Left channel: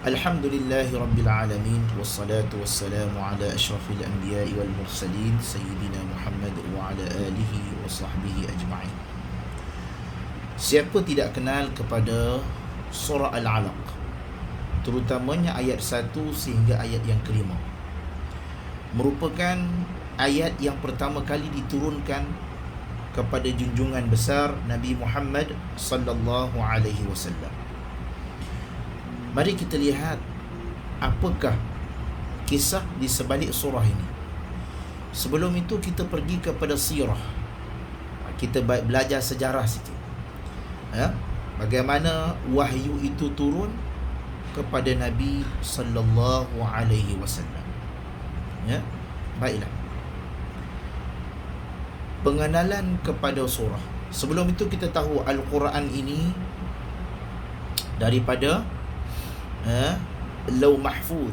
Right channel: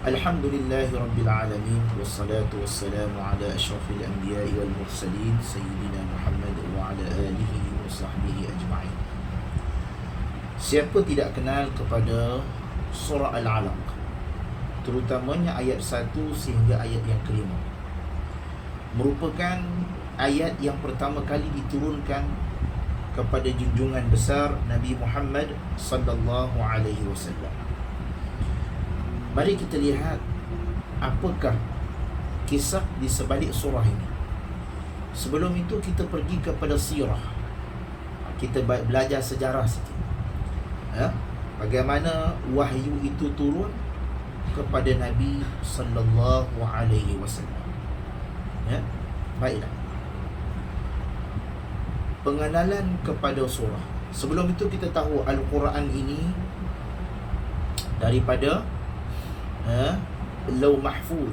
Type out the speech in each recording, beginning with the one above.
Alhamdulillahi Rabbil Alamin. Wassalatu wassalamu ala ashrafil anbiya'i wal mursalin Sayyidina Muhammad wa ala alihi wa sahbihi ajma'in. Siapa tidak kenal kepada surah Al-Alaq, terutamanya ayat 1 sehingga ayat yang kelima, merupakan ayat yang pertama kali diturunkan kepada junjungan besar Nabi Muhammad sallallahu alaihi wasallam. Mari kita lihat apakah kisah di sebalik surah ini. Sebelum itu kita pergi kepada sirah. Kita belajar sejarah sikit. Bagaimana wahyu itu turun kepada Nabi sallallahu alaihi wasallam. Baiklah. Pengenalan kepada surah. Sebelum itu kita tahu Al-Quran ini daripada Lauh Mahfuz,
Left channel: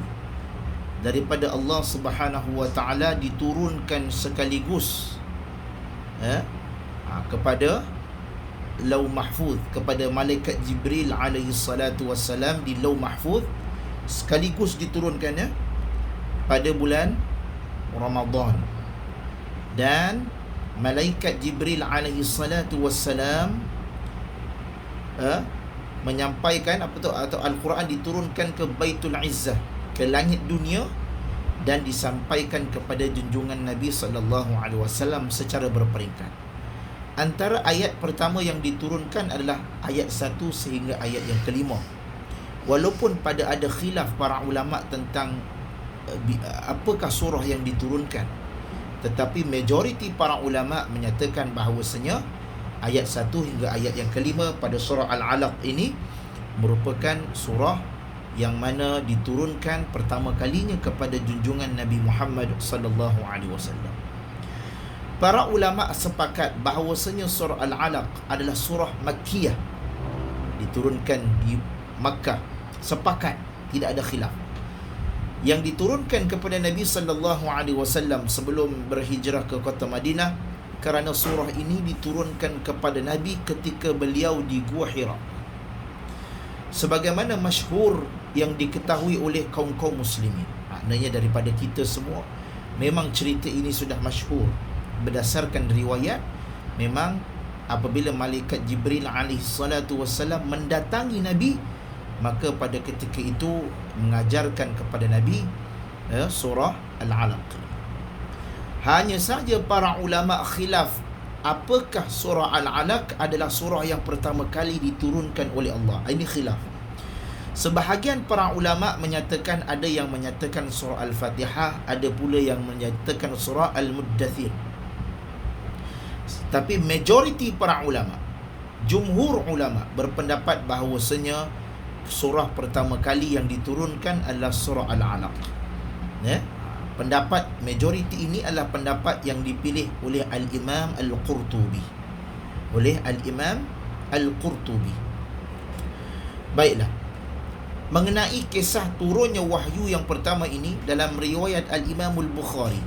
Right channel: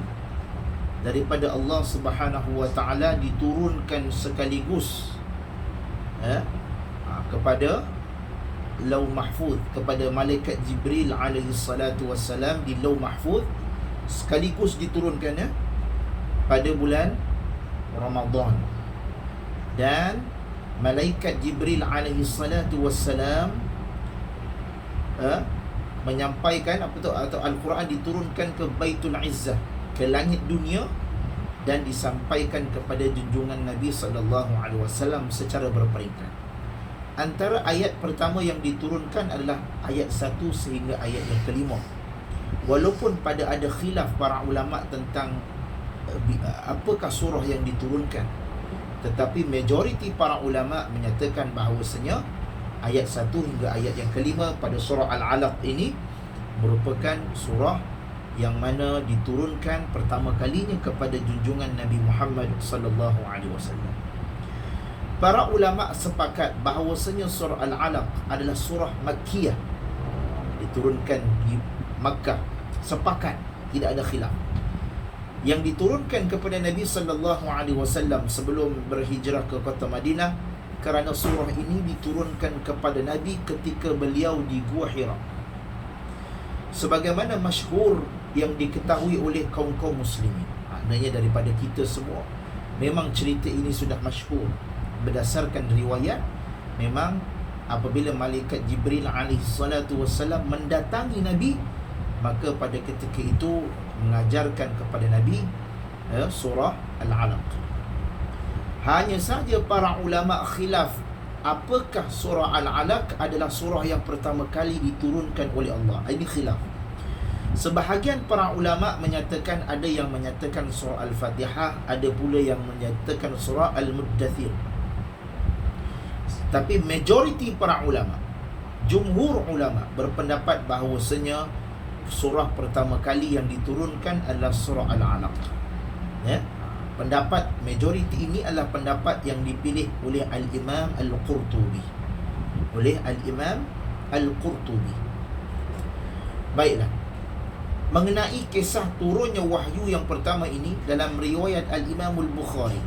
daripada Allah Subhanahu wa taala diturunkan sekaligus kepada Lauh Mahfuz, kepada malaikat Jibril alaihi salatu wassalam di Lauh Mahfuz, sekaligus diturunkannya pada bulan Ramadan. Dan malaikat Jibril alaihi salatu wassalam menyampaikan atau Al-Quran diturunkan ke Baitul Izzah, ke langit dunia, dan disampaikan kepada junjungan Nabi SAW secara berperingkat. Antara ayat pertama yang diturunkan adalah ayat 1 sehingga ayat yang kelima. Walaupun pada ada khilaf para ulama tentang apakah surah yang diturunkan, tetapi majoriti para ulama menyatakan bahawasanya ayat 1 hingga ayat yang kelima pada surah Al-Alaq ini merupakan surah yang mana diturunkan pertama kalinya kepada junjungan Nabi Muhammad sallallahu alaihi wasallam. Para ulama sepakat bahawasanya surah Al-Alaq adalah surah Makkiyah, diturunkan di Makkah. Sepakat, tidak ada khilaf. Yang diturunkan kepada Nabi sallallahu alaihi wasallam sebelum berhijrah ke kota Madinah, kerana surah ini diturunkan kepada Nabi ketika beliau di Gua Hira. Sebagaimana masyhur yang diketahui oleh kaum-kaum muslimin, maknanya daripada kita semua, memang cerita ini sudah masyhur. Berdasarkan riwayat, memang apabila malaikat Jibril alaihi salatu wassalam mendatangi Nabi, maka pada ketika itu mengajarkan kepada Nabi surah Al-Alaq. Hanya saja para ulama khilaf apakah surah Al-Alaq adalah surah yang pertama kali diturunkan oleh Allah. Ini khilaf. Sebahagian para ulama menyatakan, ada yang menyatakan surah Al-Fatihah, ada pula yang menyatakan surah Al-Muddathir. Tapi majoriti para ulama, jumhur ulama berpendapat bahawasanya surah pertama kali yang diturunkan adalah surah Al-Alaq. Pendapat majoriti ini adalah pendapat yang dipilih oleh Al-Imam Al-Qurtubi. Baiklah. Mengenai kisah turunnya wahyu yang pertama ini, dalam riwayat Al-Imam Al-Bukhari,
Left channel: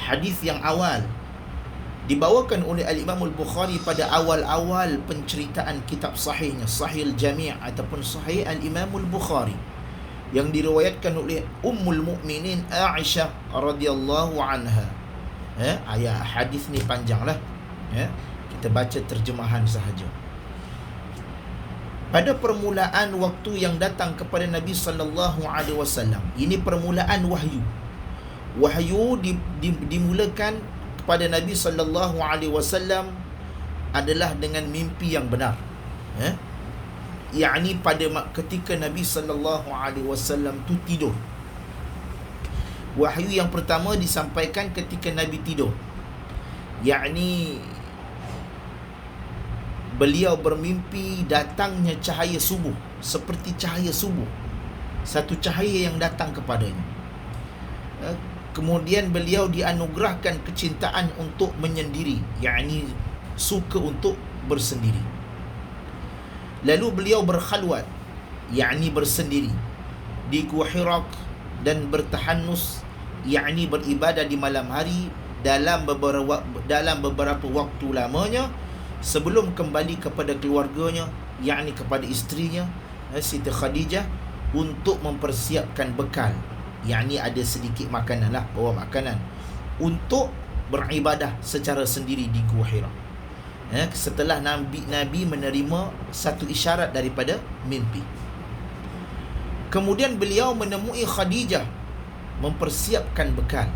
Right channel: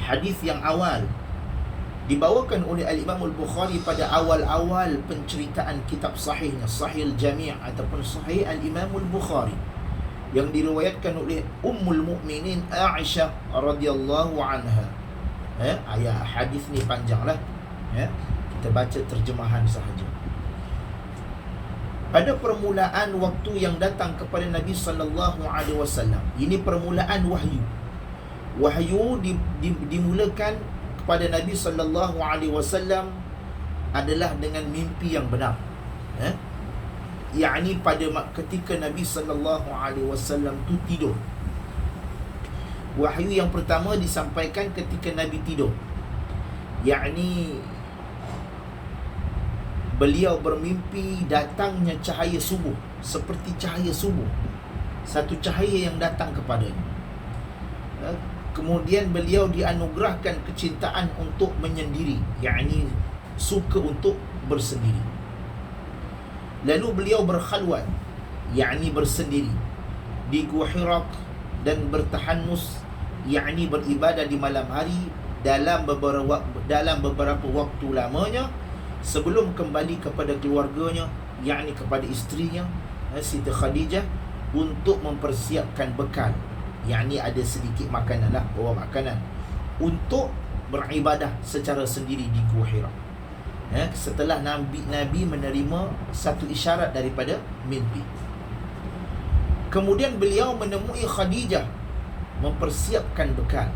hadis yang awal dibawakan oleh Al-Imam Al-Bukhari pada awal-awal penceritaan kitab sahihnya, Sahih Al-Jami' ataupun Sahih Al-Imam Al-Bukhari, yang diriwayatkan oleh Ummul Mukminin Aisyah radhiyallahu anha. Ayat hadis ni panjanglah. Kita baca terjemahan sahaja. Pada permulaan waktu yang datang kepada Nabi sallallahu alaihi wasallam, ini permulaan wahyu. Wahyu dimulakan kepada Nabi sallallahu alaihi wasallam adalah dengan mimpi yang benar. Yakni pada ketika Nabi sallallahu alaihi wasallam tu tidur. Wahyu yang pertama disampaikan ketika Nabi tidur. Yakni beliau bermimpi datangnya cahaya subuh, seperti cahaya subuh, satu cahaya yang datang kepadanya. Kemudian beliau dianugerahkan kecintaan untuk menyendiri, yakni suka untuk bersendiri. Lalu beliau berkhalwat, yakni bersendiri, di Gua Hira dan bertahanus, yakni beribadah di malam hari dalam beberapa waktu lamanya sebelum kembali kepada keluarganya, yakni kepada isterinya Siti Khadijah, untuk mempersiapkan bekal, yakni ada sedikit makanan lah, bawa makanan untuk beribadah secara sendiri di Gua Hira. Setelah Nabi menerima satu isyarat daripada mimpi. Kemudian beliau menemui Khadijah mempersiapkan bekal.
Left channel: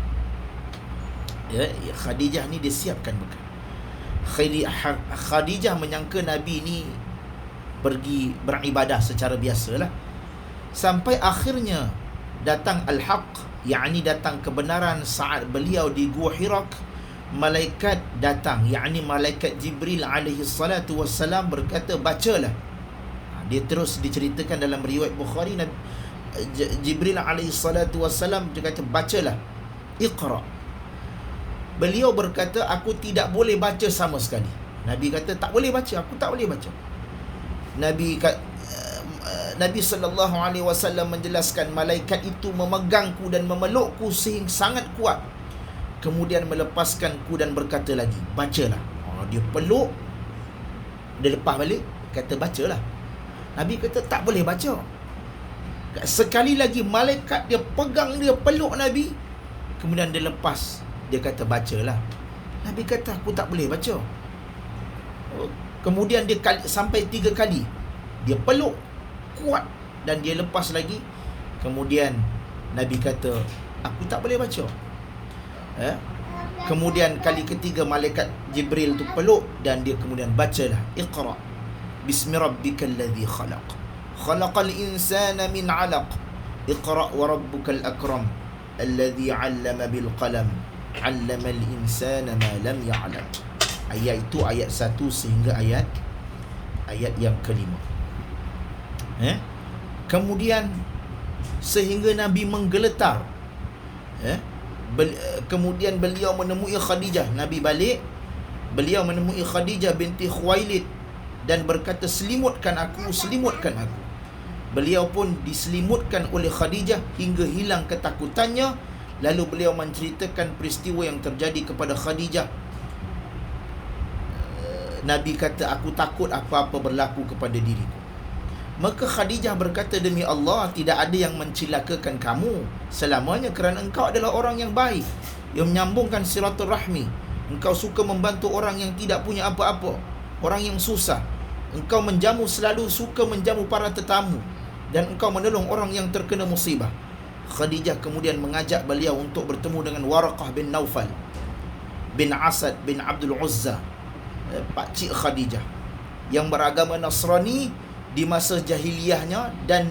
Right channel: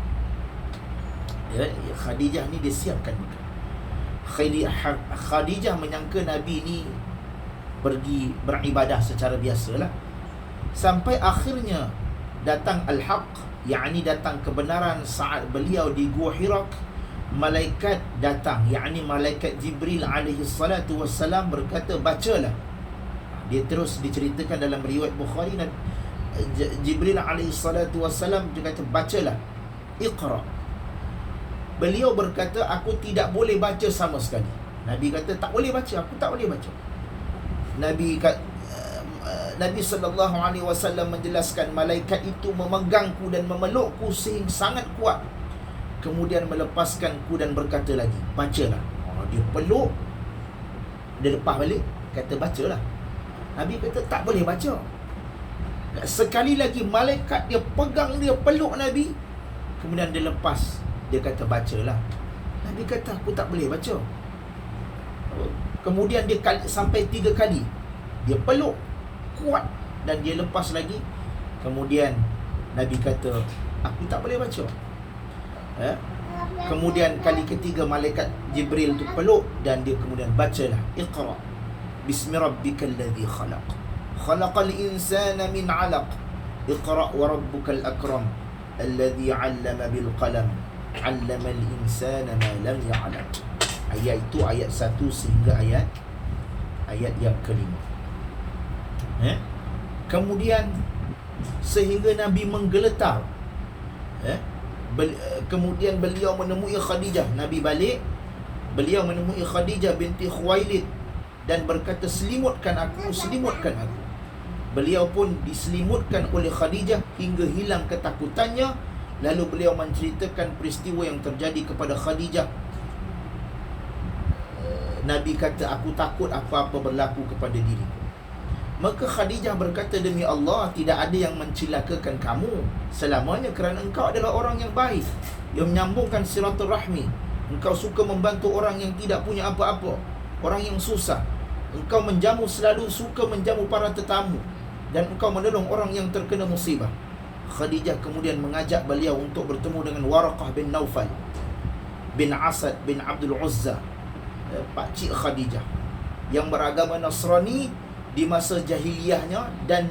Khadijah ni dia siapkan bekal. Khadijah menyangka Nabi ni pergi beribadah secara biasalah, sampai akhirnya datang al-haq, yakni datang kebenaran. Saat beliau di Gua Hira, malaikat datang, yakni malaikat Jibril alaihi salatu wassalam berkata, bacalah. Dia terus diceritakan dalam riwayat Bukhari, Jibril alaihi salatu wassalam dia kata, bacalah, Iqra. Beliau berkata, aku tidak boleh baca sama sekali. Nabi kata, tak boleh baca, aku tak boleh baca. Nabi SAW menjelaskan, malaikat itu memegangku dan memelukku sehingga sangat kuat, kemudian melepaskanku dan berkata lagi, bacalah. Dia peluk, dia lepas balik, kata bacalah. Nabi kata, tak boleh baca. Sekali lagi malaikat dia pegang, dia peluk Nabi, kemudian dia lepas, dia kata bacalah. Nabi kata, aku tak boleh baca. Kemudian dia sampai 3 kali dia peluk kuat dan dia lepas lagi. Kemudian Nabi kata, aku tak boleh baca. Kemudian kali ketiga malaikat Jibril tu peluk dan dia kemudian bacalah, Iqra bismi rabbikal ladzi khalaq, khalaqal insana min 'alaq, Iqra wa rabbukal akram, alladzi 'allama bil qalam, 'allamal insana ma lam ya'lam. Ayat itu ayat 1 sehingga ayat yang kelima. Kemudian sehingga Nabi menggeletar. Kemudian beliau menemui Khadijah. Nabi balik, beliau menemui Khadijah binti Khuwailid dan berkata, selimutkan aku, selimutkan aku. Beliau pun diselimutkan oleh Khadijah hingga hilang ketakutannya. Lalu beliau menceritakan peristiwa yang terjadi kepada Khadijah. Nabi kata, aku takut apa-apa berlaku kepada diriku. Maka Khadijah berkata, demi Allah, tidak ada yang mencelakakan kamu selamanya, kerana engkau adalah orang yang baik, yang menyambungkan silaturahmi. Engkau suka membantu orang yang tidak punya apa-apa, orang yang susah. Engkau selalu suka menjamu para tetamu, dan engkau menolong orang yang terkena musibah. Khadijah kemudian mengajak beliau untuk bertemu dengan Waraqah bin Naufal bin Asad bin Abdul Uzza, pakcik Khadijah, yang beragama Nasrani di masa jahiliyahnya. Dan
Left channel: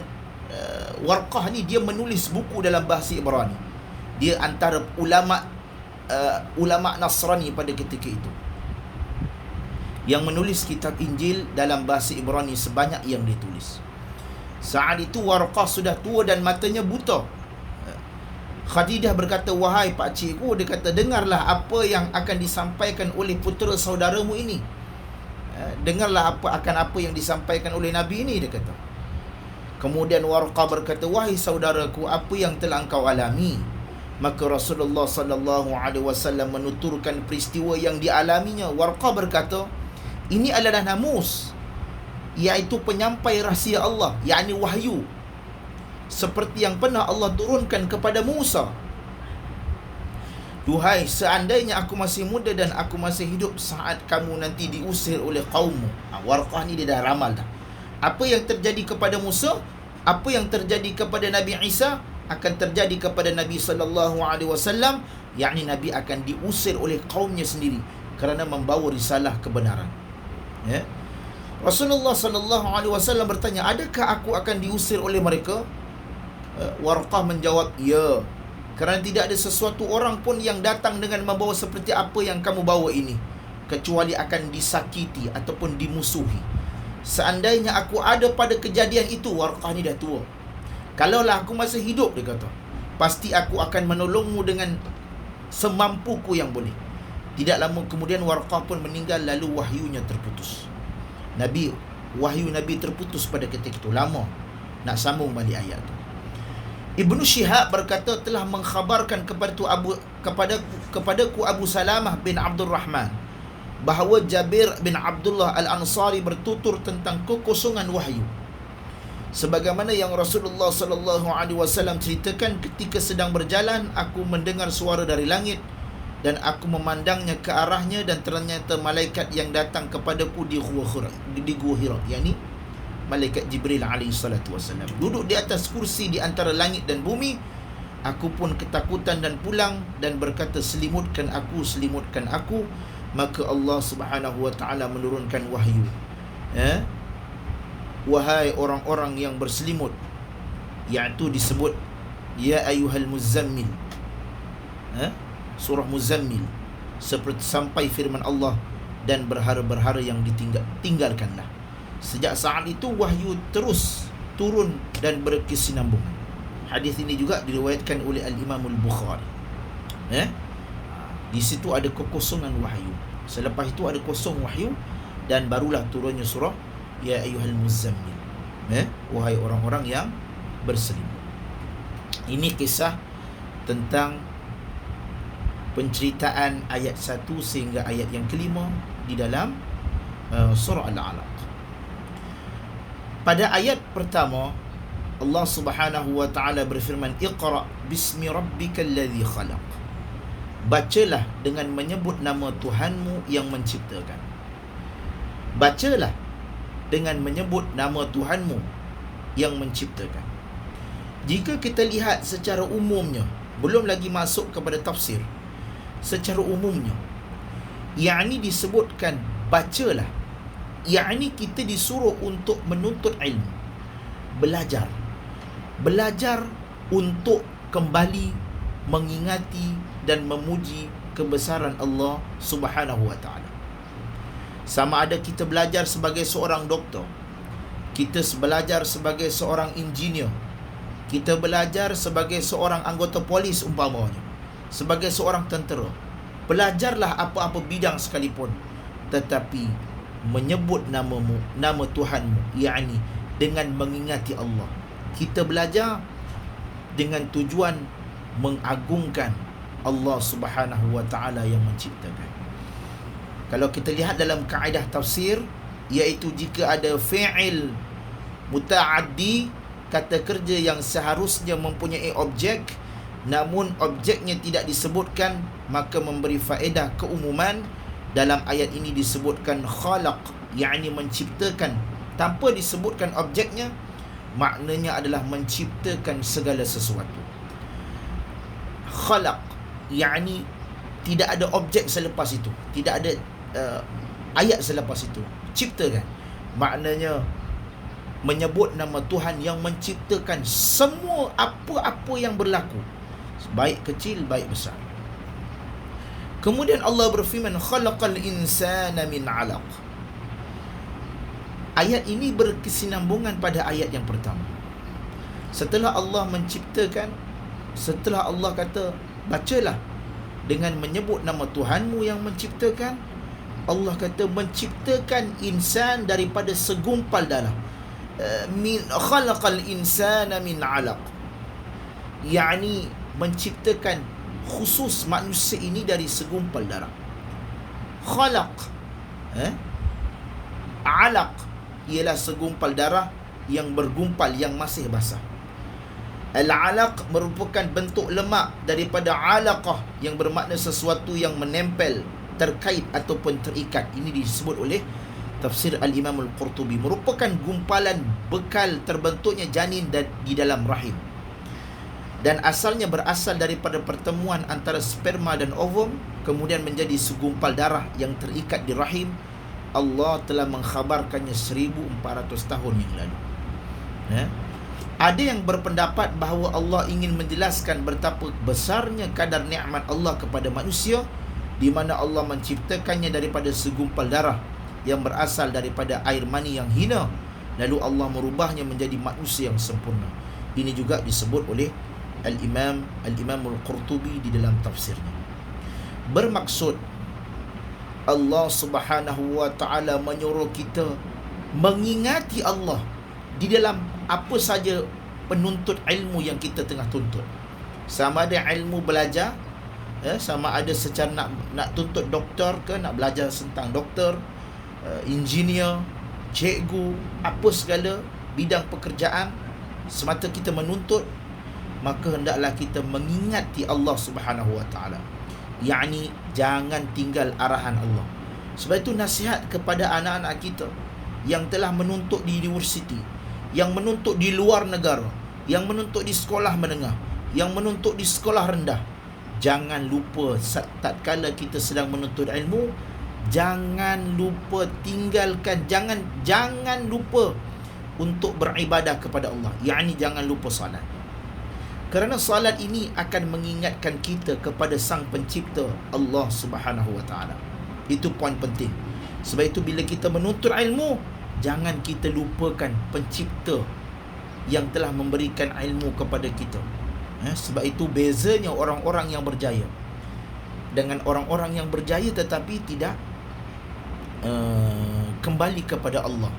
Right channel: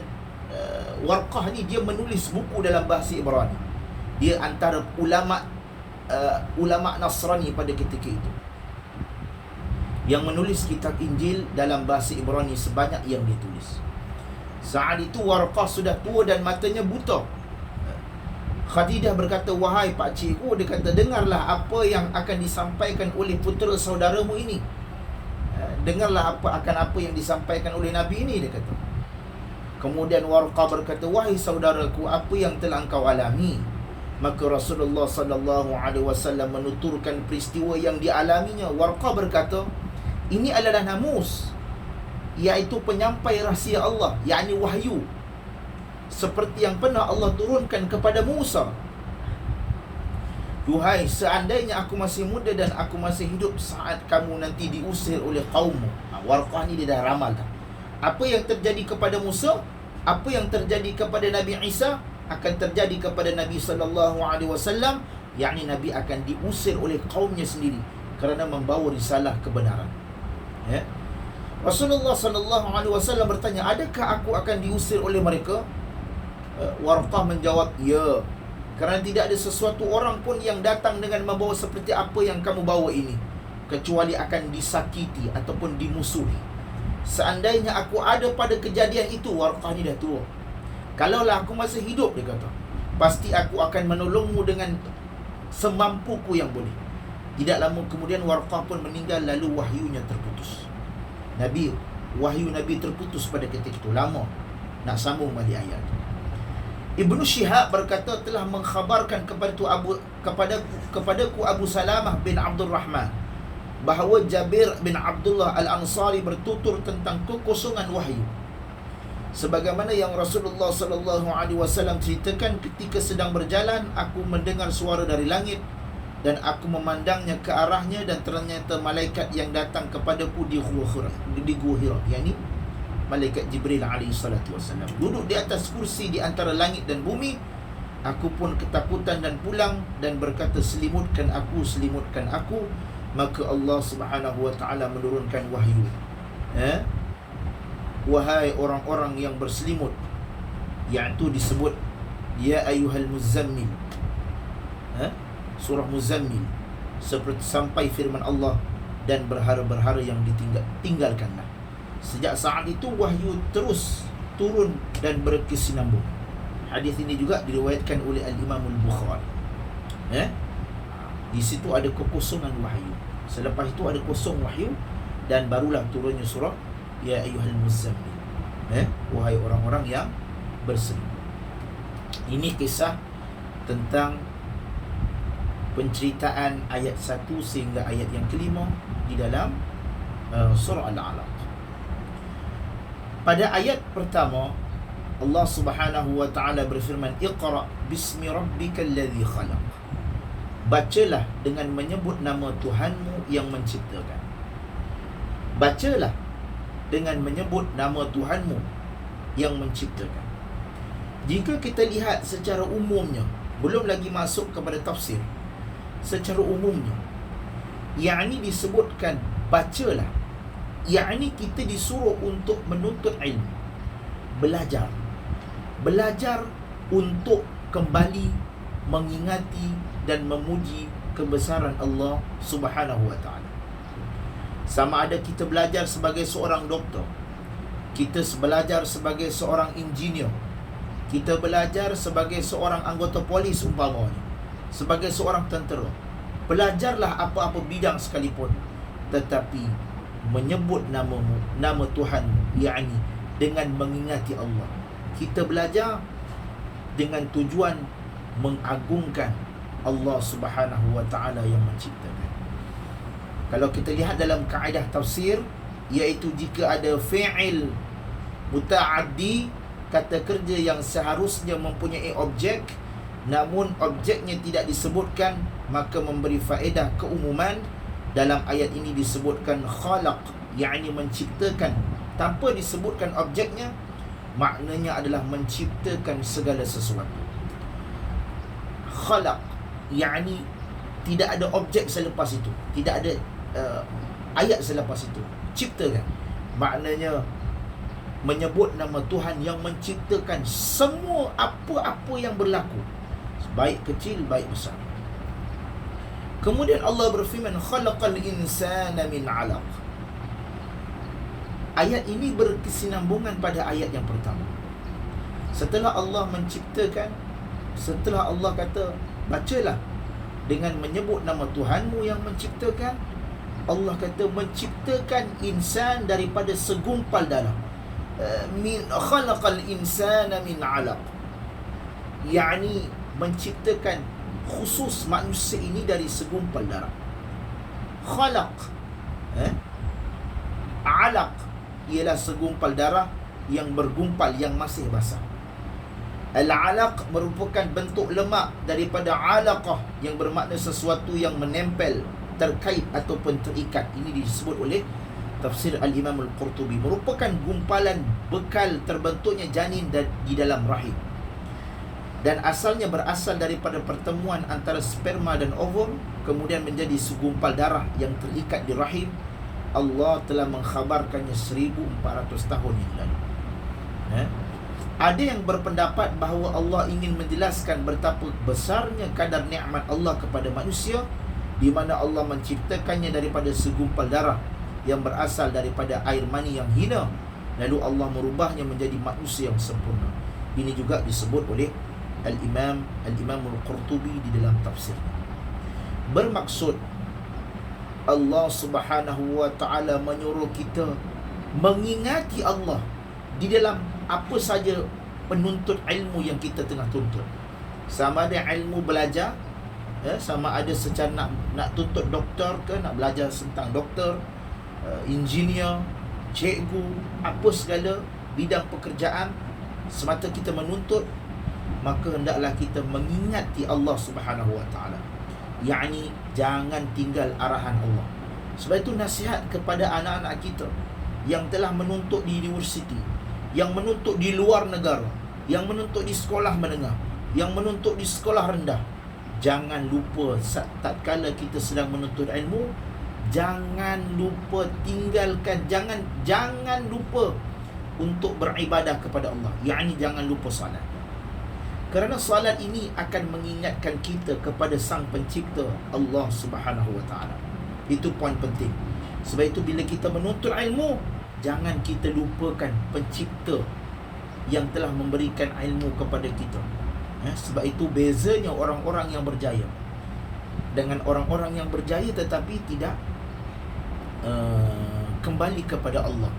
Warqah ni dia menulis buku dalam bahasa Ibrani. Dia antara ulama Nasrani pada ketika itu, yang menulis kitab Injil dalam bahasa Ibrani sebanyak yang ditulis. Saat itu Warqah sudah tua dan matanya buta. Khadijah berkata, wahai pakcikku, dia kata, dengarlah apa yang akan disampaikan oleh putera saudaramu ini. Dengarlah apa yang disampaikan oleh Nabi ini, dia kata. Kemudian Warqah berkata, wahai saudaraku, apa yang telah engkau alami? Maka Rasulullah SAW menuturkan peristiwa yang dialaminya. Warqah berkata, ini adalah namus, iaitu penyampai rahsia Allah, yakni wahyu, seperti yang pernah Allah turunkan kepada Musa. Duhai, seandainya aku masih muda dan aku masih hidup saat kamu nanti diusir oleh kaummu. Warqah ni dia dah ramal dah. Apa yang terjadi kepada Musa, apa yang terjadi kepada Nabi Isa, akan terjadi kepada Nabi SAW, yakni Nabi akan diusir oleh kaumnya sendiri kerana membawa risalah kebenaran. Rasulullah SAW bertanya, adakah aku akan diusir oleh mereka? Warqah menjawab, ya, kerana tidak ada sesuatu orang pun yang datang dengan membawa seperti apa yang kamu bawa ini, kecuali akan disakiti ataupun dimusuhi. Seandainya aku ada pada kejadian itu, Warqah ni dah tua, kalaulah aku masih hidup, dia kata, pasti aku akan menolongmu dengan semampuku yang boleh. Tidak lama kemudian Warqah pun meninggal, lalu wahyunya terputus. Wahyu Nabi terputus pada ketika itu. Lama nak sambung balik ayat itu. Ibnu Syihab berkata, telah mengkhabarkan kepadaku Abu Salamah bin Abdul Rahman bahawa Jabir bin Abdullah Al-Ansari bertutur tentang kekosongan wahyu. Sebagaimana yang Rasulullah sallallahu alaihi wasallam ceritakan, ketika sedang berjalan aku mendengar suara dari langit dan aku memandangnya ke arahnya, dan ternyata malaikat yang datang kepadaku di Gua Hira, yakni malaikat Jibril alaihi salatu wasallam, duduk di atas kursi di antara langit dan bumi. Aku pun ketakutan dan pulang dan berkata, selimutkan aku. Maka Allah Subhanahu wa taala menurunkan wahyu, wahai orang-orang yang berselimut, iaitu disebut ya ayyuhal muzammil, surah Muzammil, seperti sampai firman Allah, dan berhara-berhara yang tinggalkanlah. Sejak saat itu wahyu terus turun dan berkesinambungan. Hadis ini juga diriwayatkan oleh Al-Imam Al-Bukhari. Di situ ada kekosongan wahyu. Selepas itu ada kosong wahyu, dan barulah turunnya surah ya ayyuhal muzammil, wahai orang-orang yang berselimut. Ini kisah tentang penceritaan ayat 1 sehingga ayat yang kelima di dalam surah Al-Alaq. Pada ayat pertama Allah Subhanahu wa taala berfirman, Iqra bismi rabbikal ladzi khalaq. Bacalah dengan menyebut nama Tuhanmu yang menciptakan. Bacalah dengan menyebut nama Tuhanmu yang menciptakan. Jika kita lihat secara umumnya, belum lagi masuk kepada tafsir, secara umumnya, yakni disebutkan bacalah, yakni kita disuruh untuk menuntut ilmu, belajar untuk kembali mengingati dan memuji kebesaran Allah Subhanahu wa taala. Sama ada kita belajar sebagai seorang doktor, kita belajar sebagai seorang engineer, kita belajar sebagai seorang anggota polis umpamanya, sebagai seorang tentera. Belajarlah apa-apa bidang sekalipun, tetapi menyebut nama Tuhanmu, yakni dengan mengingati Allah. Kita belajar dengan tujuan mengagungkan Allah Subhanahu wa taala yang menciptakan. Kalau kita lihat dalam kaedah tafsir, iaitu jika ada fi'il muta'addi, kata kerja yang seharusnya mempunyai objek namun objeknya tidak disebutkan, maka memberi faedah keumuman. Dalam ayat ini disebutkan khalaq, yakni menciptakan, tanpa disebutkan objeknya, maknanya adalah menciptakan segala sesuatu. Khalaq, yakni tidak ada objek selepas itu, tidak ada ayat selepas itu. Ciptakan, maknanya menyebut nama Tuhan yang menciptakan semua apa-apa yang berlaku, baik kecil baik besar. Kemudian Allah berfirman, khalaqal insana min 'alaq. Ayat ini berkesinambungan pada ayat yang pertama. Setelah Allah menciptakan, setelah Allah kata bacalah dengan menyebut nama Tuhanmu yang menciptakan, Allah kata menciptakan insan daripada segumpal darah. Min khalaqal insana min 'alaq, yakni menciptakan khusus manusia ini dari segumpal darah. Khalaq, 'alaq ialah segumpal darah yang bergumpal, yang masih basah. Al-'alaq merupakan bentuk lemak daripada 'alaqah, yang bermakna sesuatu yang menempel, terkait ataupun terikat. Ini disebut oleh tafsir Al-Imam Al-Qurtubi, merupakan gumpalan bekal terbentuknya janin di dalam rahim, dan asalnya berasal daripada pertemuan antara sperma dan ovum, kemudian menjadi segumpal darah yang terikat di rahim. Allah telah mengkhabarkannya 1400 tahun yang lalu. Ada yang berpendapat bahawa Allah ingin menjelaskan betapa besarnya kadar nikmat Allah kepada manusia, di mana Allah menciptakannya daripada segumpal darah yang berasal daripada air mani yang hina, lalu Allah merubahnya menjadi manusia yang sempurna. Ini juga disebut oleh Al-Imam Al-Qurtubi di dalam tafsirnya. Bermaksud Allah Subhanahu wa taala menyuruh kita mengingati Allah di dalam apa saja penuntut ilmu yang kita tengah tuntut. Sama ada ilmu belajar, sama ada secara nak tuntut doktor ke, nak belajar tentang doktor, engineer, cikgu, apa segala, bidang pekerjaan, semata kita menuntut, maka hendaklah kita mengingati Allah Subhanahu Wa Taala. Yakni jangan tinggal arahan Allah. Sebab itu nasihat kepada anak-anak kita yang telah menuntut di universiti, yang menuntut di luar negara, yang menuntut di sekolah menengah, yang menuntut di sekolah rendah, jangan lupa tatkala kita sedang menuntut ilmu, jangan lupa tinggalkan, jangan lupa untuk beribadah kepada Allah. Yakni jangan lupa solat. Kerana solat ini akan mengingatkan kita kepada Sang Pencipta Allah Subhanahu Wa Taala. Itu poin penting. Sebab itu bila kita menuntut ilmu, jangan kita lupakan Pencipta yang telah memberikan ilmu kepada kita. Sebab itu bezanya orang-orang yang berjaya dengan orang-orang yang berjaya tetapi tidak kembali kepada Allah.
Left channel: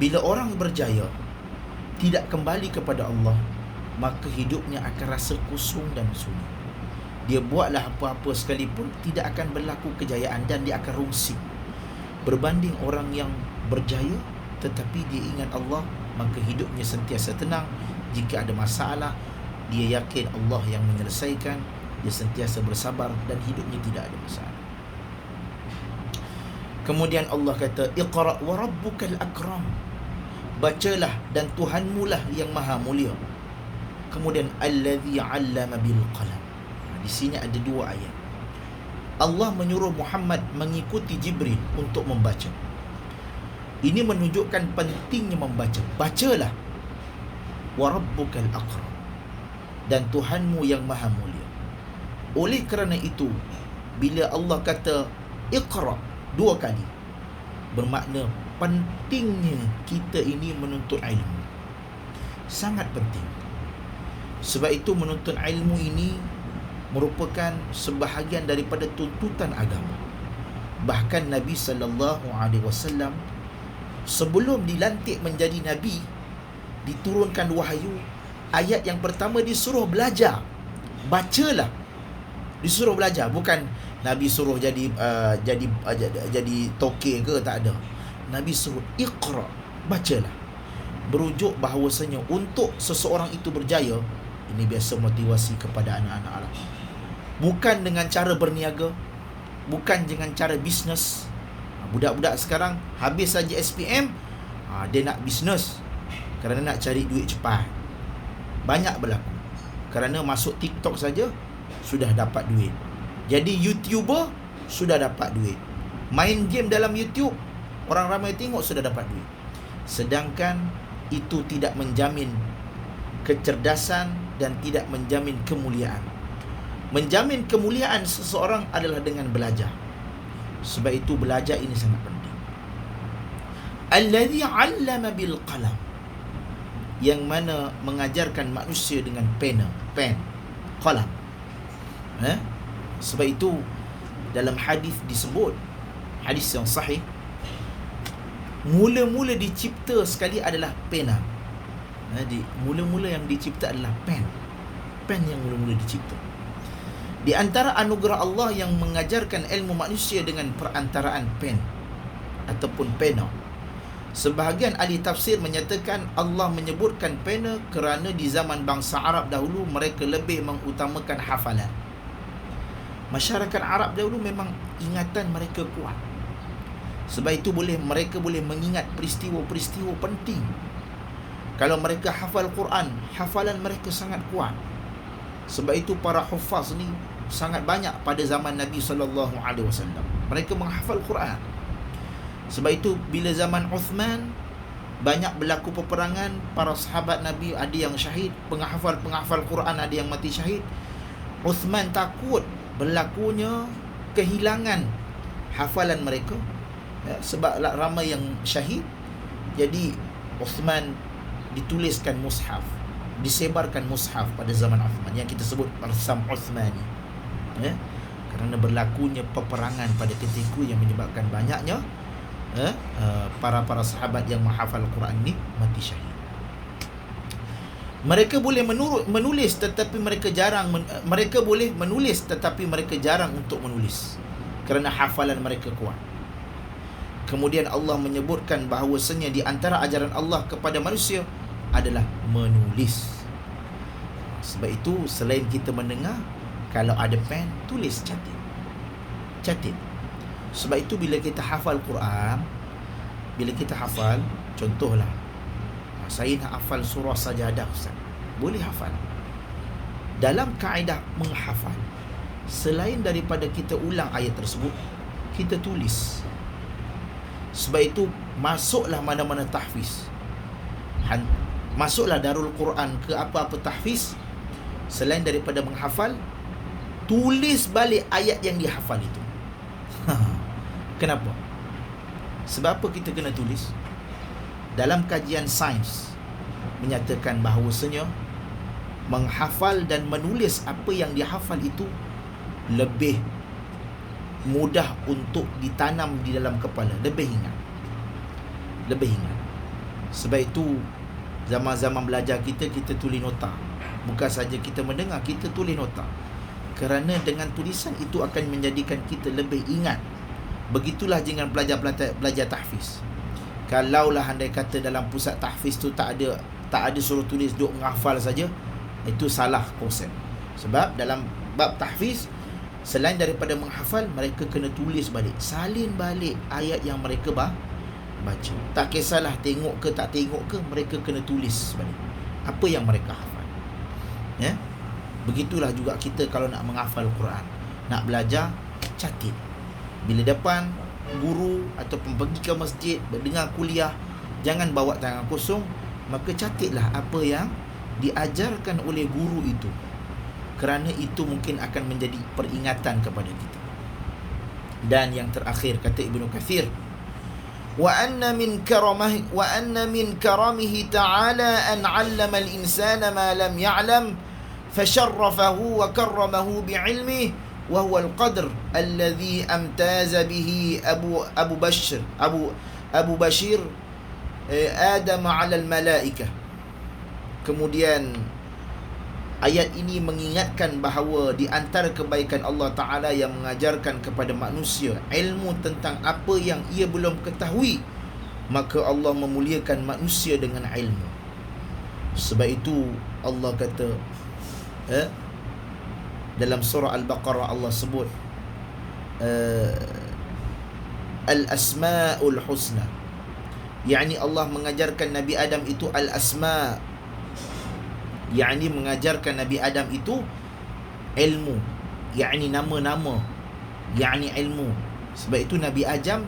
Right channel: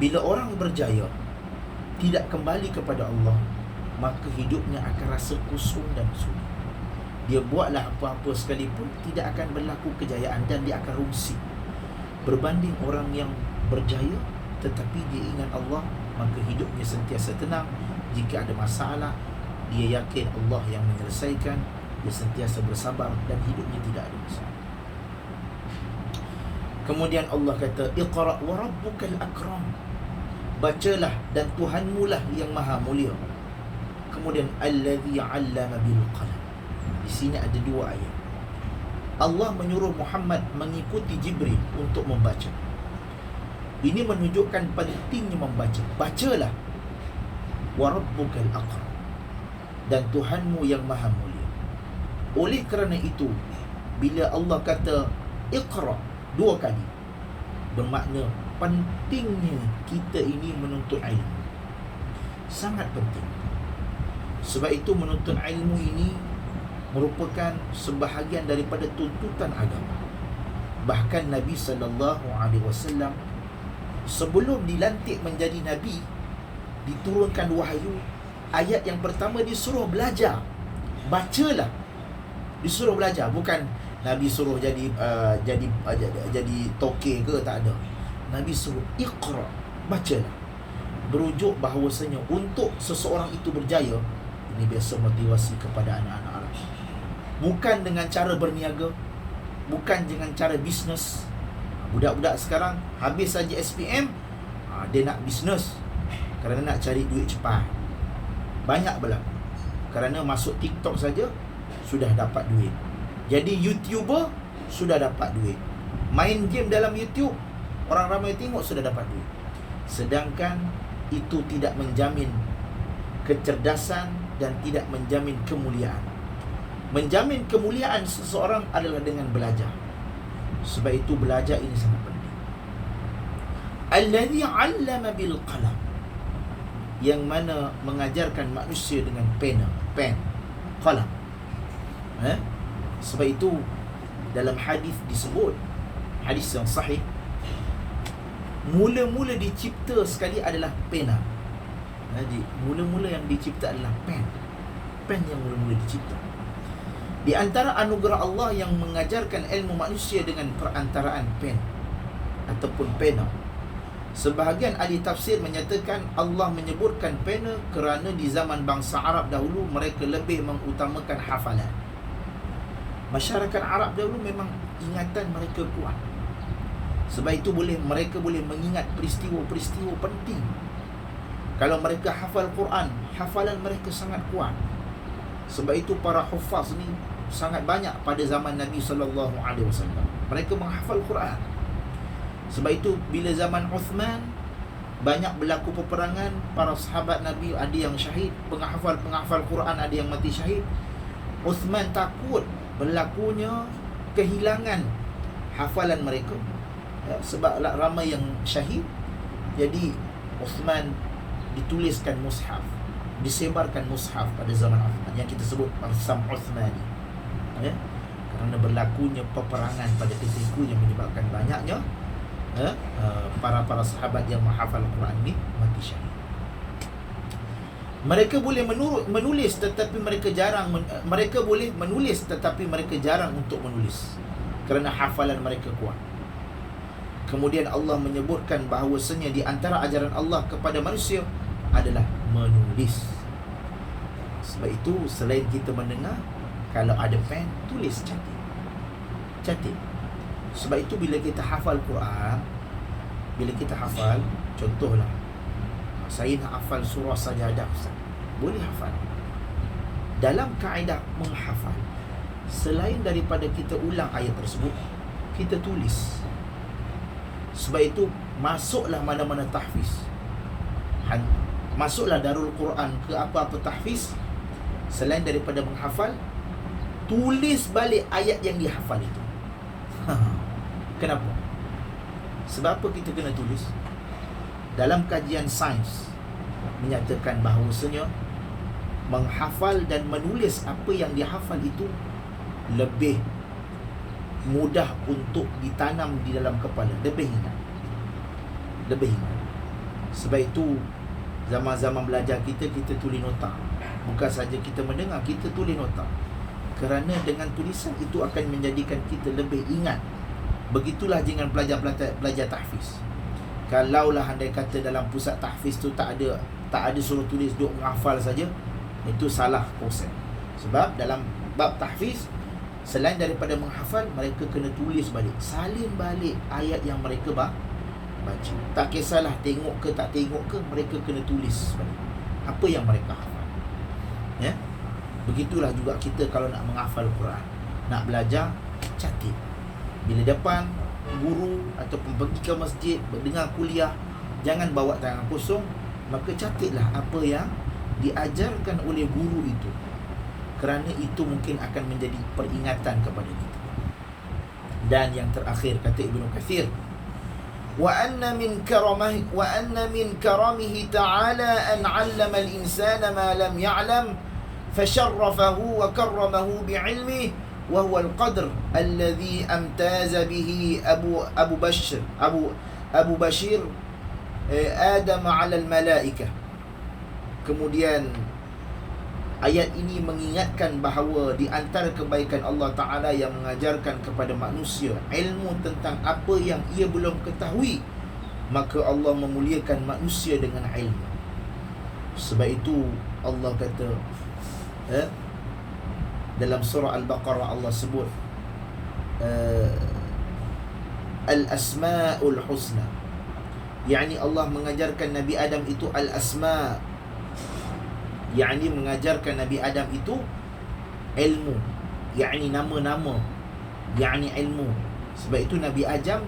Bila orang berjaya tidak kembali kepada Allah, maka hidupnya akan rasa kosong dan sunyi. Dia buatlah apa-apa sekalipun, tidak akan berlaku kejayaan dan dia akan rungsing. Berbanding orang yang berjaya tetapi dia ingat Allah, maka hidupnya sentiasa tenang. Jika ada masalah, dia yakin Allah yang menyelesaikan. Dia sentiasa bersabar dan hidupnya tidak ada masalah. Kemudian Allah kata, Iqra' wa rabbukal akram. Bacalah dan Tuhanmu lah yang maha mulia. Kemudian allazi 'allama bil qalam. Di sini ada dua ayat. Allah menyuruh Muhammad mengikuti Jibril untuk membaca. Ini menunjukkan pentingnya membaca. Bacalah. Wa rabbukal akram. Dan Tuhanmu yang maha mulia. Oleh kerana itu, bila Allah kata Iqra' dua kali, bermakna pentingnya kita ini menuntut ilmu. Sangat penting. Sebab itu menuntut ilmu ini merupakan sebahagian daripada tuntutan agama. Bahkan Nabi SAW sebelum dilantik menjadi Nabi, diturunkan wahyu, ayat yang pertama disuruh belajar. Bacalah. Disuruh belajar. Bukan Nabi suruh jadi tokek ke, tak ada. Nabi suruh Iqra', bacalah. Berujuk bahawasanya untuk seseorang itu berjaya, ini biasa motivasi kepada anak-anak Arab. Bukan dengan cara berniaga, bukan dengan cara bisnes. Budak-budak sekarang habis saja SPM, dia nak bisnes kerana nak cari duit cepat. Banyak berlaku. Kerana masuk TikTok saja sudah dapat duit. Jadi YouTuber sudah dapat duit. Main game dalam YouTube, orang ramai tengok sudah dapat duit. Sedangkan itu tidak menjamin kecerdasan dan tidak menjamin kemuliaan. Menjamin kemuliaan seseorang adalah dengan belajar. Sebab itu belajar ini sangat penting. Allazi 'allama bil qalam. Yang mana mengajarkan manusia dengan pen, qalam. Sebab itu dalam hadis disebut, hadis yang sahih, mula-mula dicipta sekali adalah pena. Jadi mula-mula yang dicipta adalah pen yang mula-mula dicipta. Di antara anugerah Allah yang mengajarkan ilmu manusia dengan perantaraan pen ataupun pena. Sebahagian ahli tafsir menyatakan Allah menyebutkan pena kerana di zaman bangsa Arab dahulu mereka lebih mengutamakan hafalan. Masyarakat Arab dahulu memang ingatan mereka kuat. Sebab itu mereka boleh mengingat peristiwa-peristiwa penting. Kalau mereka hafal Quran, hafalan mereka sangat kuat. Sebab itu para hufaz ni sangat banyak pada zaman Nabi SAW. Mereka menghafal Quran. Sebab itu bila zaman Uthman, banyak berlaku peperangan, para sahabat Nabi ada yang syahid, penghafal Quran ada yang mati syahid. Uthman takut berlakunya kehilangan hafalan mereka, sebab ramai yang syahid. Jadi Uthman dituliskan mushaf, disebarkan mushaf pada zaman Uthman yang kita sebut Arsam Uthmani. Kerana berlakunya peperangan pada ketika itu yang menyebabkan banyaknya para sahabat yang menghafal Quran ini mati syahid. Mereka boleh menulis tetapi mereka jarang untuk menulis kerana hafalan mereka kuat. Kemudian Allah menyebutkan bahawasanya di antara ajaran Allah kepada manusia adalah menulis. Sebab itu selain kita mendengar, kalau ada pen, tulis, catat. Sebab itu bila kita hafal Quran, bila kita hafal, contohlah, saya nak hafal surah Sajadah, Ustaz. Boleh hafal. Dalam kaedah menghafal, selain daripada kita ulang ayat tersebut, kita tulis. Sebab itu masuklah mana-mana tahfiz, masuklah Darul Quran ke apa-apa tahfiz, selain daripada menghafal, tulis balik ayat yang dihafal itu. Kenapa? Sebab apa kita kena tulis? Dalam kajian sains menyatakan bahawasanya menghafal dan menulis apa yang dihafal itu lebih mudah untuk ditanam di dalam kepala, lebih ingat. Sebab itu zaman-zaman belajar kita tulis nota. Bukan saja kita mendengar, kita tulis nota. Kerana dengan tulisan itu akan menjadikan kita lebih ingat. Begitulah dengan belajar tahfiz. Kalaulah andai kata dalam pusat tahfiz tu tak ada suruh tulis, duk menghafal saja, itu salah konsep. Sebab dalam bab tahfiz, selain daripada menghafal, mereka kena tulis balik, salin balik ayat yang mereka baca. Tak kisahlah tengok ke tak tengok ke, mereka kena tulis balik apa yang mereka hafal. Ya? Begitulah juga kita kalau nak menghafal Quran, nak belajar, catat. Bila depan guru ataupun pergi ke masjid, mendengar kuliah, jangan bawa tangan kosong, maka catatlah apa yang diajarkan oleh guru itu. Kerana itu mungkin akan menjadi peringatan kepada kita. Dan yang terakhir kata Ibnu Katsir, wa anna min karamihi ta'ala an 'allama al-insana ma lam ya'lam fasharrafahu wa karramahu bi'ilmihi wa huwa al-qadr alladhi amtaza bihi Abu Bashir Adam 'ala al-malaikah. Kemudian ayat ini mengingatkan bahawa di antara kebaikan Allah Ta'ala yang mengajarkan kepada manusia ilmu tentang apa yang ia belum ketahui, maka Allah memuliakan manusia dengan ilmu. Sebab itu Allah kata dalam surah Al-Baqarah, Allah sebut Al-Asma'ul Husna, yakni Allah mengajarkan Nabi Adam itu Al-Asma', yakni mengajarkan Nabi Adam itu ilmu, yakni nama-nama, yakni ilmu. Sebab itu Nabi Adam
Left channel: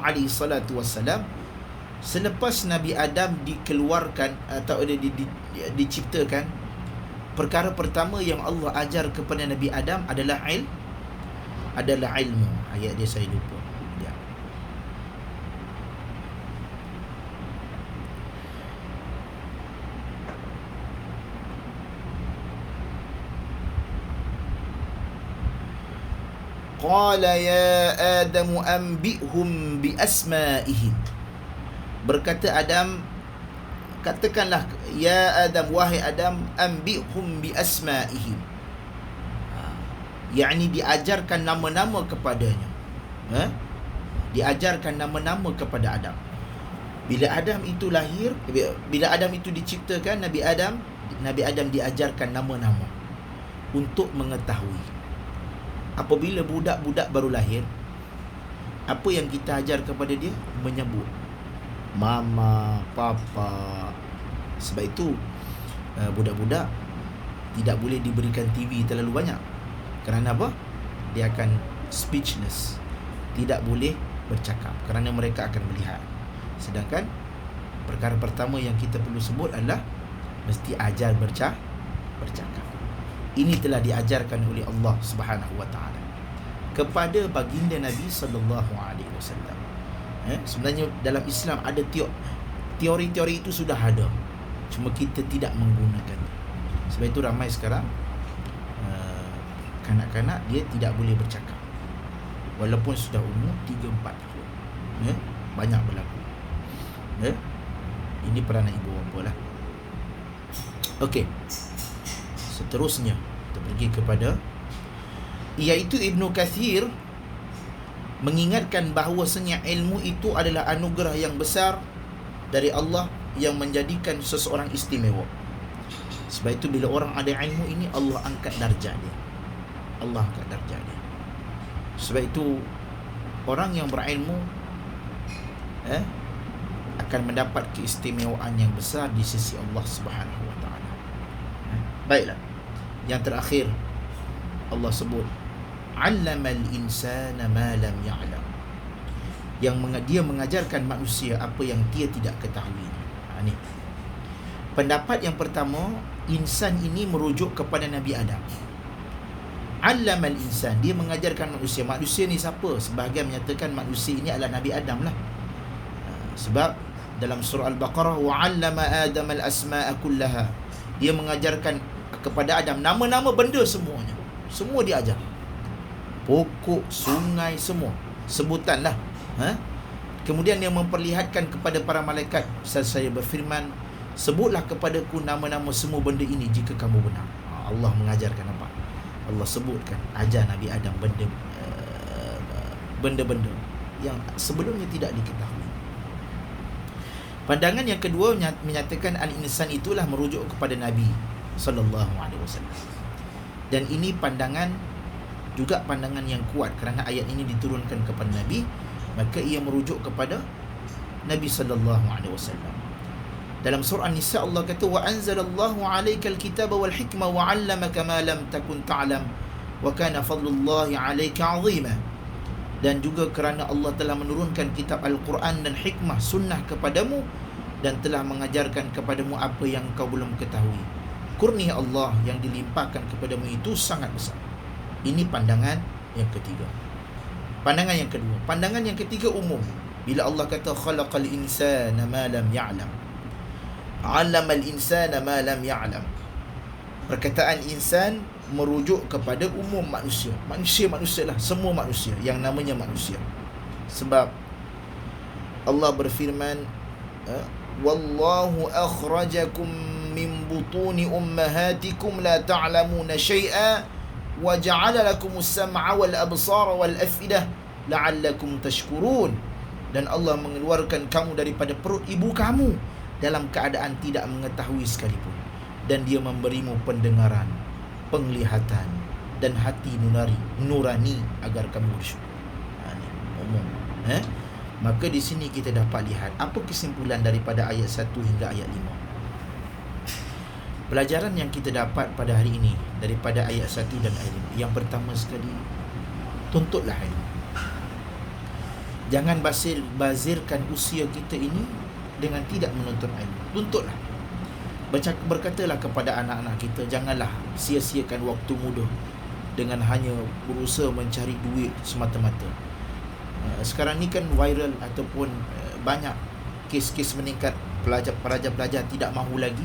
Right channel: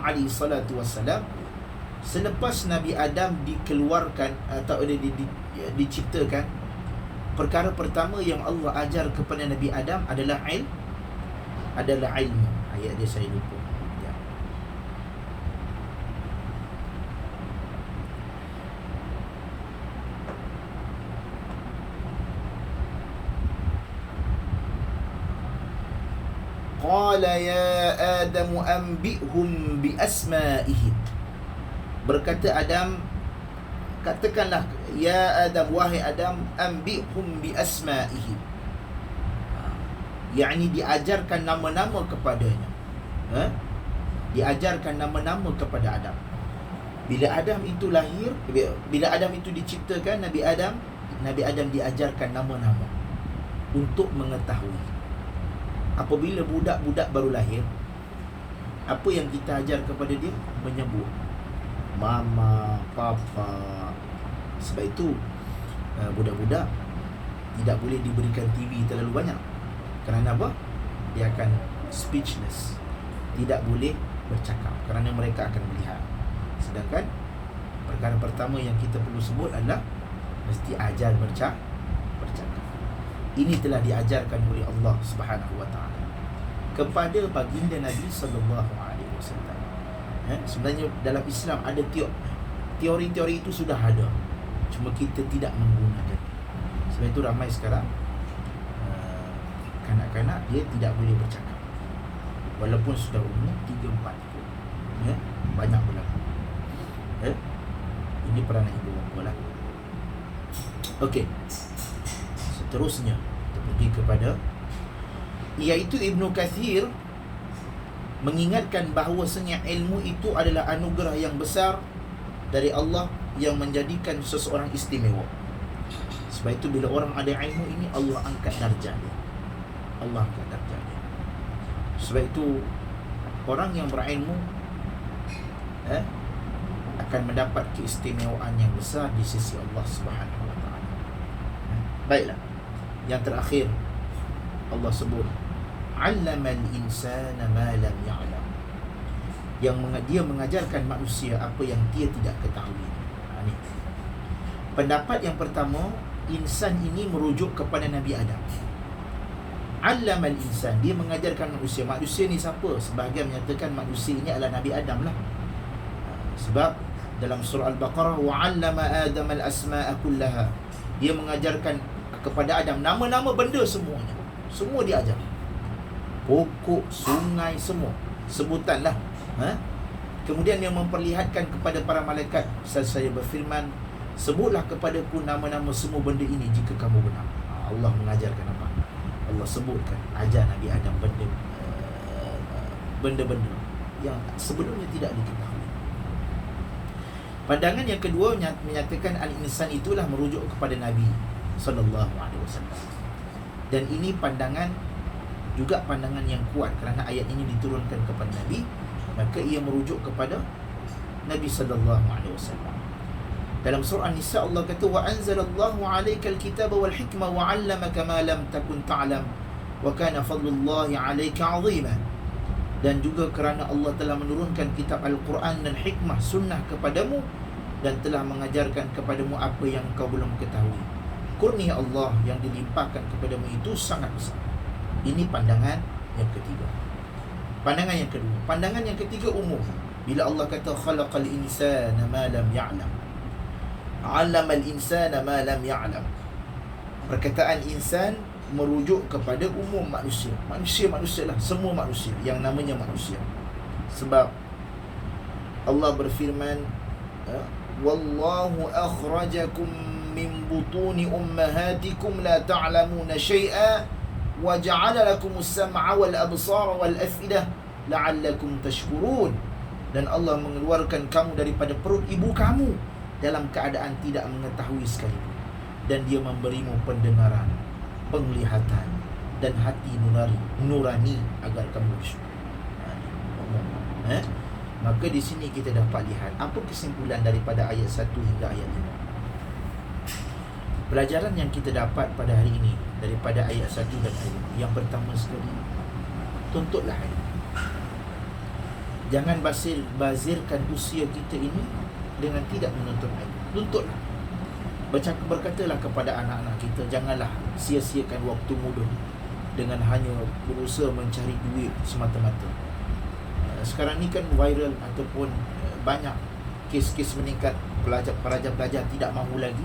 alaihi salatu wassalam, selepas Nabi Adam dikeluarkan atau diciptakan, perkara pertama yang Allah ajar kepada Nabi Adam adalah ilmu. Ayat dia saya lupa. Ya. Qala ya Adam anbi'hum bi asma'ihim. Berkata Adam, katakanlah ya Adam, wahai Adam, anbi'hum bi asma'ihim, yakni diajarkan nama-nama kepadanya. Diajarkan nama-nama kepada Adam. Bila Adam itu lahir, bila Adam itu diciptakan, Nabi Adam diajarkan nama-nama untuk mengetahui. Apabila budak-budak baru lahir, apa yang kita ajar kepada dia? Menyebut mama, papa. Sebab itu budak-budak tidak boleh diberikan TV terlalu banyak. Kerana apa? Dia akan speechless, tidak boleh bercakap, kerana mereka akan melihat. Sedangkan perkara pertama yang kita perlu sebut adalah mesti ajar bercakap. Ini telah diajarkan oleh Allah Subhanahu wa taala kepada baginda Nabi sallallahu alaihi wasallam. Sebenarnya dalam Islam ada teori-teori itu sudah ada, cuma kita tidak menggunakannya. Sebab itu ramai sekarang kanak-kanak dia tidak boleh bercakap walaupun sudah umur 3-4 tahun. Banyak berlaku. Ini peranan ibu bapa lah. Okey. Seterusnya kita pergi kepada, iaitu Ibnu Katsir mengingatkan bahawasanya ilmu itu adalah anugerah yang besar dari Allah yang menjadikan seseorang istimewa. Sebab itu bila orang ada ilmu ini, Allah angkat darjah dia. Allah angkat darjah dia. Sebab itu orang yang berilmu akan mendapat keistimewaan yang besar di sisi Allah Subhanahu wa taala. Baiklah. Yang terakhir Allah sebut 'allamal insana ma lam ya'lam. Yang dia mengajarkan manusia apa yang dia tidak ketahui. Ini. Pendapat yang pertama, insan ini merujuk kepada Nabi Adam. 'Allamal insan, dia mengajarkan manusia. Manusia ni siapa? Sebahagian menyatakan manusia ini adalah Nabi Adam lah. Sebab dalam surah Al-Baqarah, wa 'allama Adam al-asma'a kullaha. Dia mengajarkan kepada Adam nama-nama benda semuanya. Semua dia ajar. Pokok, sungai, semua sebutanlah. Kemudian dia memperlihatkan kepada para malaikat, saya berfirman, sebutlah kepadaku nama-nama semua benda ini jika kamu benar. Allah mengajarkan apa? Allah sebutkan, ajar Nabi Adam benda-benda yang sebelumnya tidak diketahui. Pandangan yang kedua menyatakan al-insan itulah merujuk kepada Nabi sallallahu alaihi wasallam. Dan ini pandangan juga pandangan yang kuat kerana ayat ini diturunkan kepada Nabi, maka ia merujuk kepada Nabi sallallahu alaihi wasallam. Dalam surah An-Nisa Allah kata, wa anzalallahu 'alaikal kitaba wal hikma wa 'allamaka ma lam takun ta'lam wa kana fadlullahi 'alaika 'azima. Dan juga kerana Allah telah menurunkan kitab Al-Quran dan hikmah sunnah kepadamu dan telah mengajarkan kepadamu apa yang kau belum ketahui. Kurnia Allah yang dilimpahkan kepadamu itu sangat besar. Ini pandangan yang ketiga. Pandangan yang kedua. Pandangan yang ketiga umum. Bila Allah kata khalaqal insana ma lam ya'lam, 'allamal insana ma lam ya'lam. Perkataan insan merujuk kepada umum manusia. Manusia lah, semua manusia yang namanya manusia. Sebab Allah berfirman, wallahu akhrajakum min butuni ummahatikum la ta'lamuna syai'a wa ja'ala lakumus sam'a wal absara wal af'idah la'allakum tashkurun. Dan Allah mengeluarkan kamu daripada perut ibu kamu dalam keadaan tidak mengetahui sekalipun, dan Dia memberimu pendengaran, penglihatan dan hati nurani agar kamu bersyukur. Maka di sini kita dapat lihat apa kesimpulan daripada ayat 1 hingga ayat 5. Pelajaran yang kita dapat pada hari ini daripada ayat 1 dan ayat 5. Yang pertama sekali, tuntutlah ilmu. Jangan bazirkan usia kita ini dengan tidak menuntut ilmu. Tuntutlah. Berkatalah kepada anak-anak kita, janganlah sia-siakan waktu muda dengan hanya berusaha mencari duit semata-mata. Sekarang ni kan viral ataupun banyak kes-kes meningkat pelajar-pelajar tidak mahu lagi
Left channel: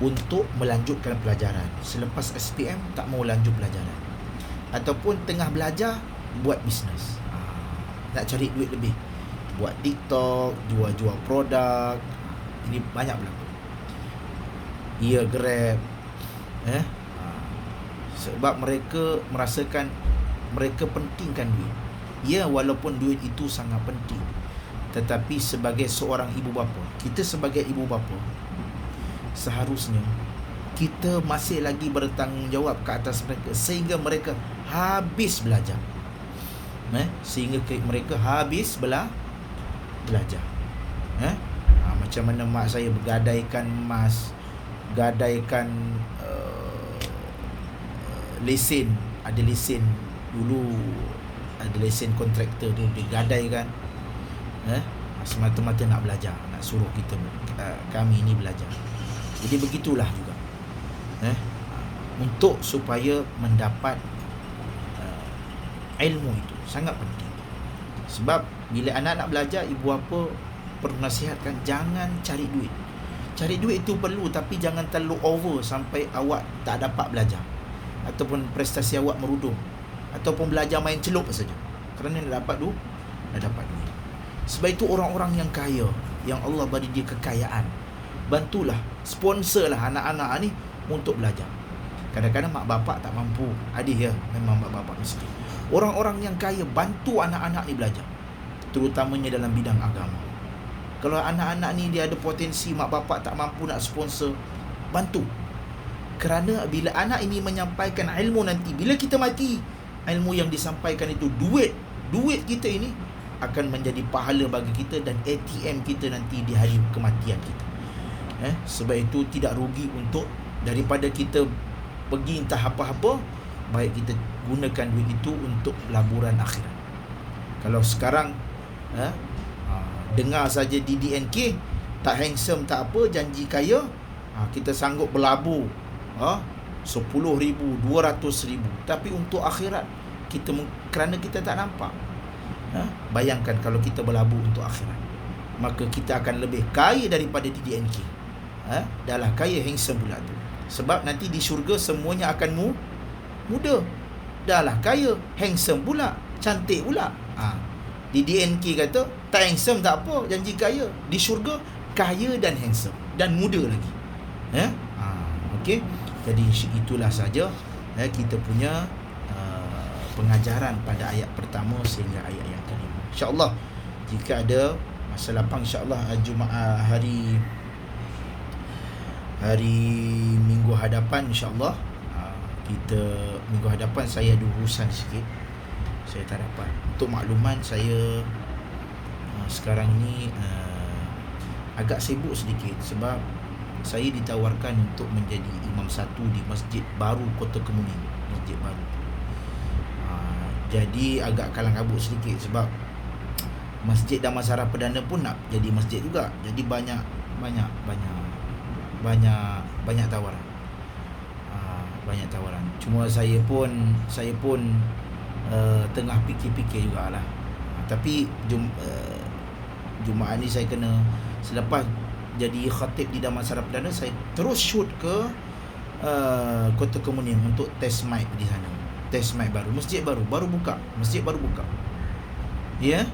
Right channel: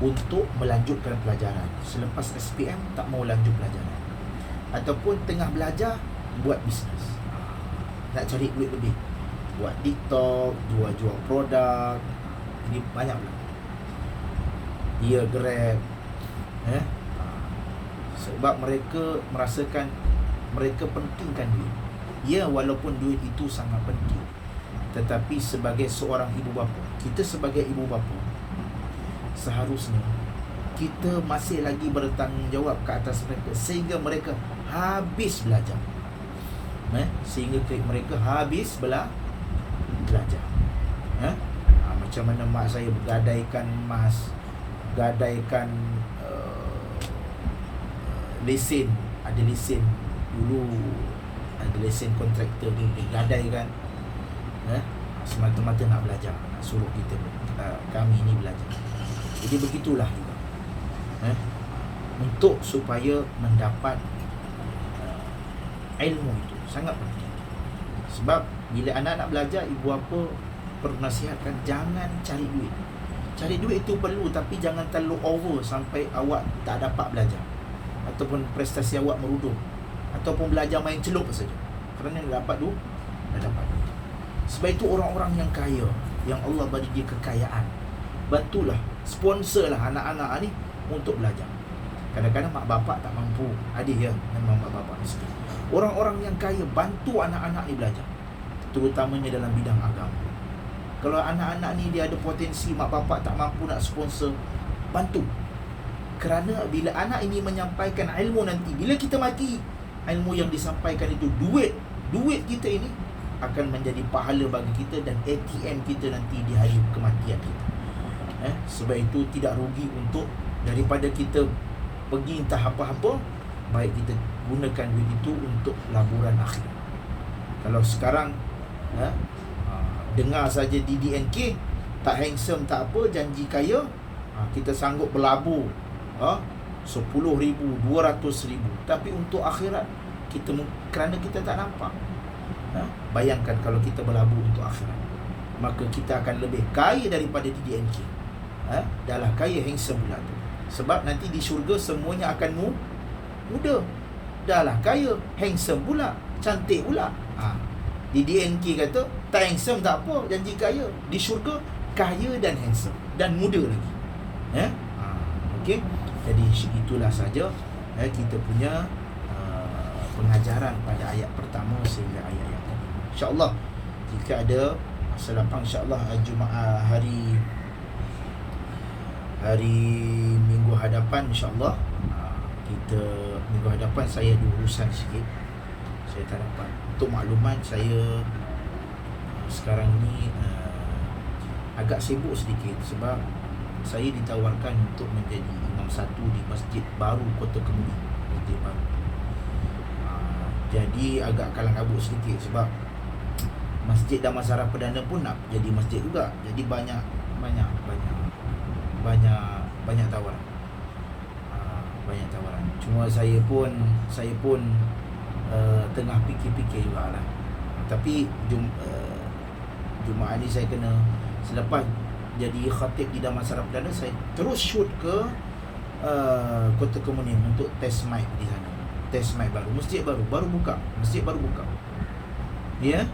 untuk melanjutkan pelajaran. Selepas SPM tak mahu lanjut pelajaran, ataupun tengah belajar buat bisnes, nak cari duit lebih, buat TikTok, jual produk. Ini banyak pula. Ia Grab, sebab mereka merasakan mereka pentingkan duit. Ya, walaupun duit itu sangat penting, tetapi sebagai seorang ibu bapa, kita sebagai ibu bapa, seharusnya kita masih lagi bertanggungjawab ke atas mereka sehingga mereka habis belajar. Sehingga mereka habis belajar. Macam mana mak saya gadaikan emas, gadaikan lesen. Ada lesen dulu, ada lesen kontraktor tu digadaikan, semata-mata nak belajar, nak suruh kita kami ini belajar. Jadi begitulah juga, untuk supaya mendapat ilmu itu sangat penting. Sebab bila anak nak belajar, ibu bapa perlu nasihatkan, jangan cari duit. Cari duit itu perlu, tapi jangan terlalu over sampai awak tak dapat belajar, ataupun prestasi awak meruduh, ataupun belajar main celup saja kerana nak dapat duit. Sebab itu orang-orang yang kaya, yang Allah beri dia kekayaan, bantulah, sponsorlah anak-anak ni untuk belajar. Kadang-kadang mak bapak tak mampu. Ada ya, memang mak bapak miskin. Orang-orang yang kaya bantu anak-anak ni belajar, terutamanya dalam bidang agama. Kalau anak-anak ni dia ada potensi, mak bapak tak mampu nak sponsor, bantu. Kerana bila anak ini menyampaikan ilmu nanti, bila kita mati, ilmu yang disampaikan itu duit kita ini akan menjadi pahala bagi kita dan ATM kita nanti di hari kematian kita. Sebab itu tidak rugi untuk, daripada kita pergi entah apa-apa, baik kita gunakan duit itu untuk laburan akhirat. Kalau sekarang dengar saja di DNK, tak handsome tak apa, janji kaya, kita sanggup berlabur 10,000, 200,000, tapi untuk akhirat kita, kerana kita tak nampak. Bayangkan kalau kita berlabur untuk akhirat, maka kita akan lebih kaya daripada di DNK. Dah lah kaya handsome pula tu. Sebab nanti di syurga semuanya akan muda. Dah lah kaya handsome pula, cantik pula. Di DNK kata tak handsome tak apa, janji kaya. Di syurga kaya dan handsome dan muda lagi. Okey. Jadi itulah saja kita punya pengajaran pada ayat pertama sehingga ayat yang kelima. InsyaAllah jika ada masa lapang, insyaAllah Jumaat hari minggu hadapan, insyaAllah kita minggu hadapan saya ada urusan sikit, saya tak dapat. Untuk makluman, saya sekarang ni agak sibuk sedikit sebab saya ditawarkan untuk menjadi imam satu di masjid baru Kota Kemuning, masjid baru. Jadi agak kalang kabut sedikit sebab Masjid Damansara Perdana pun nak jadi masjid juga. Jadi banyak tawaran. Banyak tawaran. Cuma saya pun tengah fikir-fikir jugalah. Tapi Jumaat ni saya kena, selepas jadi khatib di Damansara Perdana, saya terus shoot ke Kota Kemuning untuk test mic di sana. Test mic baru, masjid baru buka. Ya.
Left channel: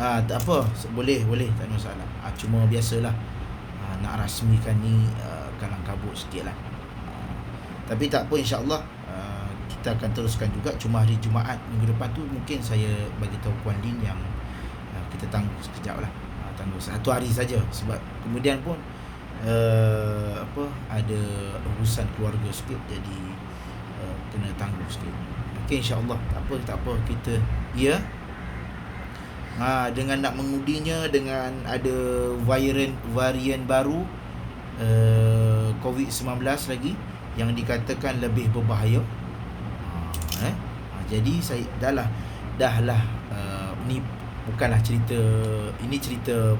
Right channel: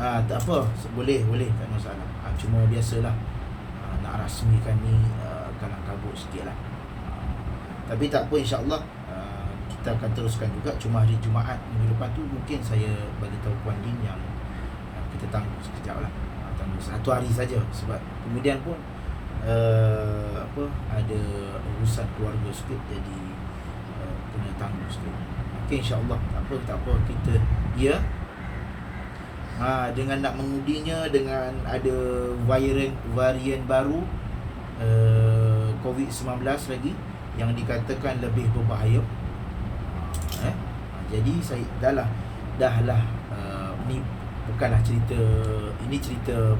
Tak apa, boleh, tak ada masalah. Cuma biasalah nak rasmikan ni kalang kabut sikit lah. Tapi tak apa, insyaAllah kita akan teruskan juga. Cuma hari Jumaat minggu depan tu mungkin saya bagi tahu Puan Din yang kita tangguh sekejap lah, tangguh 1 hari saja sebab kemudian pun ada urusan keluarga sikit, jadi kena tangguh sikit. Okey, insyaAllah tak apa kita dengan nak mengudinya, dengan ada varian baru COVID-19 lagi yang dikatakan lebih berbahaya. Jadi saya dah lah ni bukanlah cerita, ini cerita apa,